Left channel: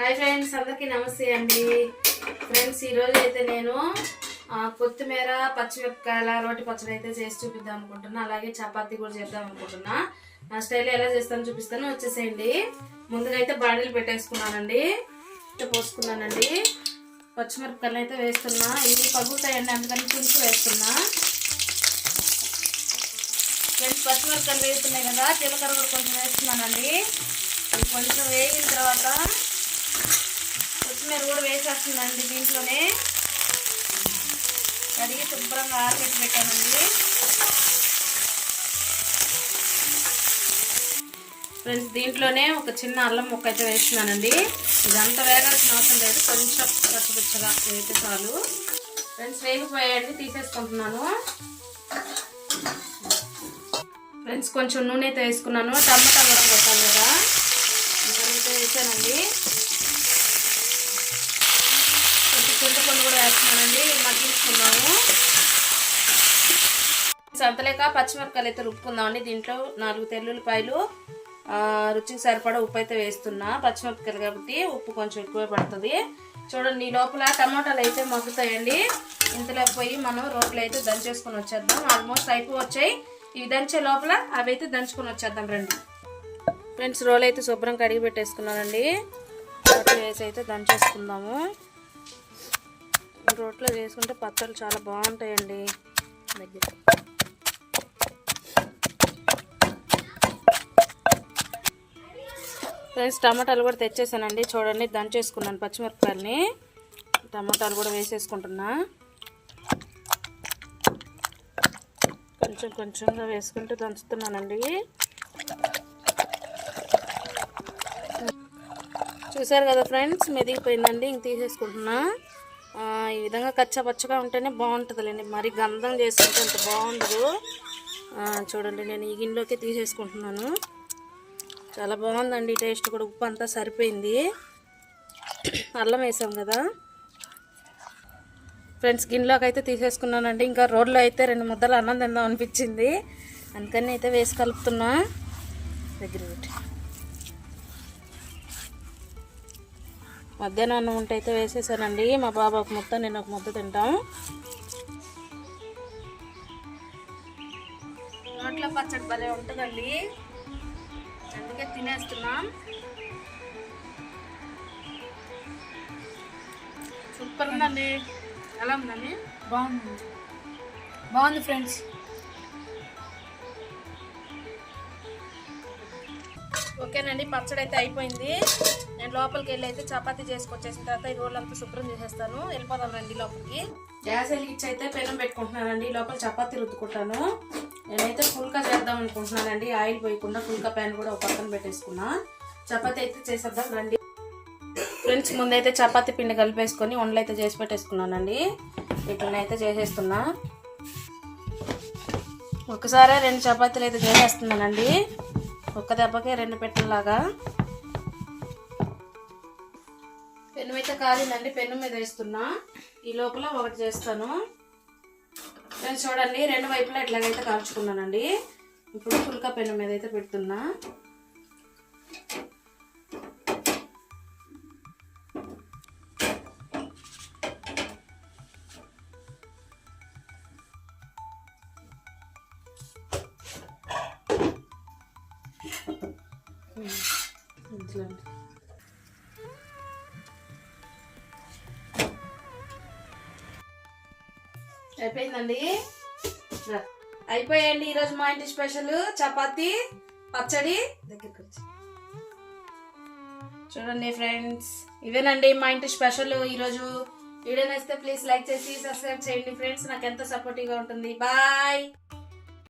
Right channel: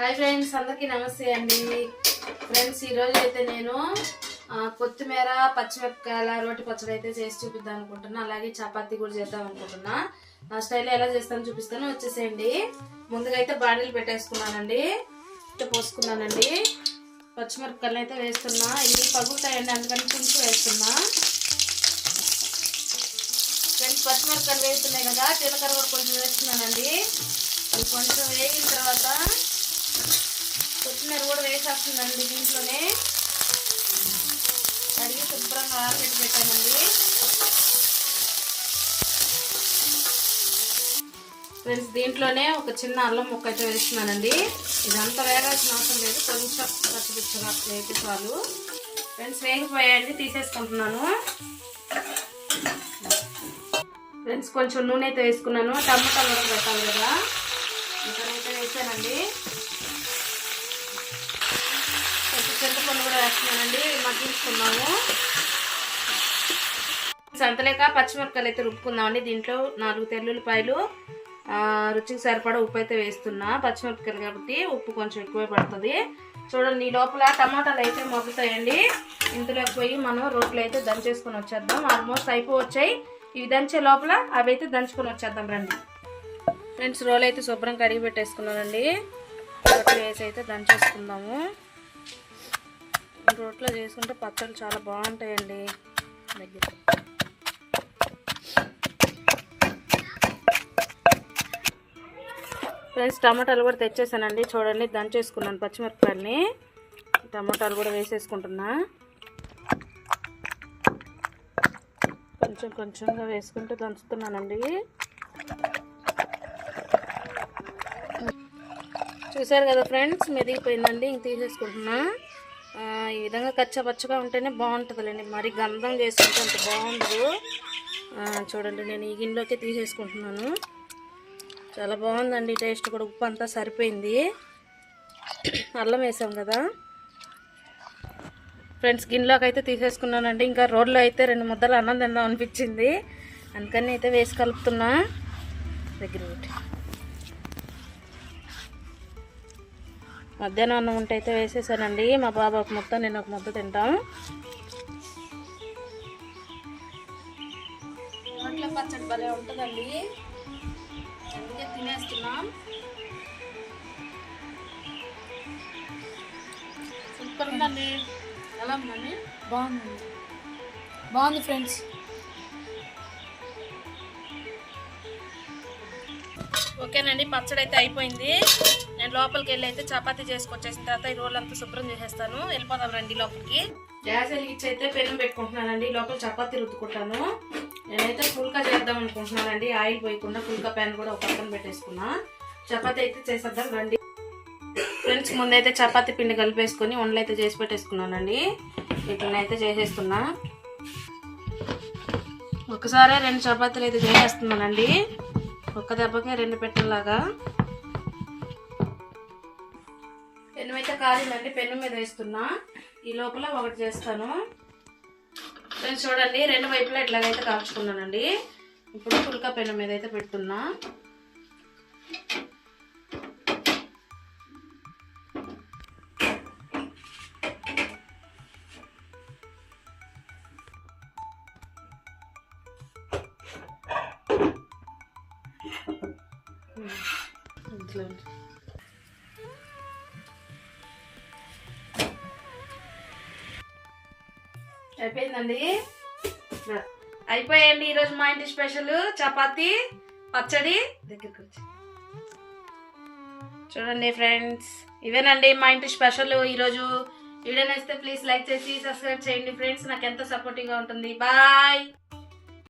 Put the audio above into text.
Hi friends, అందరికీ నమస్తే అండి. ఫ్రెండ్స్, ఈరోజు అయితే నేను కొత్తిమీర పచ్చిమిరపకాయల రోటి పచ్చడి అయితే చేసి చూపిద్దాం అనుకుంటున్నా. అలాగే చపాతీ కూడా చేద్దాం అనుకుంటున్నా. నా స్టైల్లో ఎలా చేస్తానో చూపిస్తాను, వచ్చేసేయండి. ముందుగా అయితే బాండీలు పెట్టేసుకున్నానండి, పోసుకున్నానండి. పచ్చిమిరపకాయలు అయితే వేస్తున్నా. ఇవి పగులుతాయండి, అందుకని కొంచెం వేస్తున్నా. ఫ్రెండ్స్, పచ్చిమిరపకాయలు వేస్తున్నాయి కదా, జీలకర్ర కూడా కొంచెం వేస్తున్నానండి. అది కొంచెం వేగిన తర్వాత కొత్తిమీర కూడా వేసేస్తుందండి. దీంట్లోనే కడిగి శుభ్రంగా ఆరబెట్టి పెట్టానండి. ఫ్రెండ్స్, దీంట్లోనే ఒక చిన్న అల్లం ముక్క అయితే వేస్తున్నానండి. ఇదంతా వేగాల్సిన అవసరం లేదు, కొంచెం పచ్చిపిచ్చగా వేస్తే చాలు. ఫ్రెండ్స్, వేగిపోయాయండి, తీసేసుకుంటున్నాను. ఫ్రెండ్స్, కొంచెం నూనె అయితే వేసుకున్నాను. టమాటా కూడా పెట్టాలి కదా, అయితే వేసానండి. కొంచెం చింతపండు కూడా వేస్తున్నానండి, మగ్గించుకున్నాము. సంతలేక పచ్చిమిరపకాయలు అయితే రుబ్బుకుందామండి. దీంట్లో 4 తెల్లుల్లిపాయలు, రుచికి సరిపడా ఉప్పు అయితే వేస్తున్నా. పచ్చిమిరపకాయలు కాబట్టి ఉప్పు కొంచెం ఎక్కువే పడుతుంది. చూడండి, ఈ లోపల టమాటాలు అయితే మగ్గుతాయండి. ఇంతలోకి పోయి మనం రోట్లో అయితే దంచేసుకొని వచ్చేద్దాం. ఆల్మోస్ట్ అయిపోవచ్చాయి. ఇవి దంచే లోపల అవి అయితే దంచుకొని వచ్చేద్దాం రండి. ఫ్రెండ్స్, రోల్ అయితే శుభ్రం కడిగి పెట్టేసుకున్నానండి. రోట్లో వేసి అయితే దంచేసుకుందాము. రోట్లో చేసుకుంటే పచ్చళ్ళు చాలా బాగుంటాయండి. దగ్గర ఫ్రెండ్స్, టమాటాలు కూడా తెచ్చేసానండి. చూడండి, దంచేసుకున్నాను పచ్చిమిరపకాయలని. టమాటాలు కూడా వేసేసుకుంటున్నా. కొంచెం కొంచెంగా వేసుకుంటూ దంచుతున్నానండి. చూసారు కదా ఫ్రెండ్స్, మెదిగిపోయిందండి. ఇంక తీసేసుకుంటున్నా. ఈ విధంగా కచ్చా పచ్చగా ఉంటేనే బాగుంటుందిలేండి, మరి గంధం చేసుకుంటే అంత బాగుండదు. చూడండి, నేను ఈ గిన్నెలోకి తీసేసుకుంటున్నాను. చాలా బాగుందండి టేస్ట్ కూడా. ఉప్పు అంతా సరిపోయింది. అల్లం వేసాం కదా. ఫ్రెండ్స్, గిన్నెలోకి అయితే తీసేసుకున్నానండి. ఇంకా రోడ్లో అయితే 2 ముద్దలు అన్నం తిందాం అనిపించింది, అందుకని అయితే వేసి కలుపుతున్నా. దగ్గర పెట్టి మధ్యాహ్నం అన్నం ఉంటే అయితే వేసేసానండి. మా బాబు ఒక ముద్ద, నేను ఒక ముద్ద తింటాం. రోట్లో పచ్చడి భలే ఉంటుందండి, అందుకే తినేస్తున్నాం. సూపర్ ఉందండి. ఎలా ఉందండి? బాగుంది ఫ్రెండ్స్. ఓకేనండి, పచ్చడి అయితే అయిపోయింది. నేను లోపలికి వెళ్ళి అయితే చపాతీ చేసుకొచ్చేసిన తర్వాత ఈ రోల్ అంతా శుభ్రం చేసేస్తాను. వెళ్ళిపోదాం రండి లోపలికి. గ్యాస్ వెలిగించి అయితే పెనం పెట్టుకుంటున్నానండి. లోపల చపాతీ రుద్దుకుంటాను. నేనైతే ఫుల్గా చేద్దాం అనుకుంటున్నానండి. ఆయిల్ పోయకుండా ఫుల్గా ప్యాన్ కూడా ఒక పక్కన పెట్టేసుకున్నా. చపాతీ అయితే చేసేద్దాం రండి. ఫ్రెండ్స్, ముందైతే చపాతీ పిండి కలిపేసుకొని వండలు అయితే చేసి పెట్టేసుకున్నానండి. వీటిని అయితే చేసేస్తున్నా. ఒకసారి 2 చపాతీలు అయితే చేసేస్తున్నానండి, ఒక్క దెబ్బకే 2 పెట్టెలాగా. పెన్ను అయితే కాలిందండి, పెన్ను మీద వేస్తున్నా. ఈ లోపల ఒకటి చేస్తాను. ఫ్రెండ్స్, చూడండి, 2 వైపులా ఇట్లాగైతే కాల్చుకున్నానండి. ఇప్పుడు ఫుల్కా పెన్ను మీద అయితే పెడుతున్నా. అయిపోయిందండి. అయిపోయాయండి ఈరోజు మా ఇంటి స్పెషల్ చపాతీ పచ్చడి. దగ్గరికి వచ్చి చూడండి ఫ్రెండ్స్, ఇవేనండి మా ఇంటి స్పెషల్ ఈరోజు. వీడియో నచ్చితే ప్లీజ్ లైక్ చేసి సబ్స్క్రైబ్ చేయండి ఫ్రెండ్స్, నాకు ఎంతో సపోర్టివ్గా ఉంటుంది. బాయ్.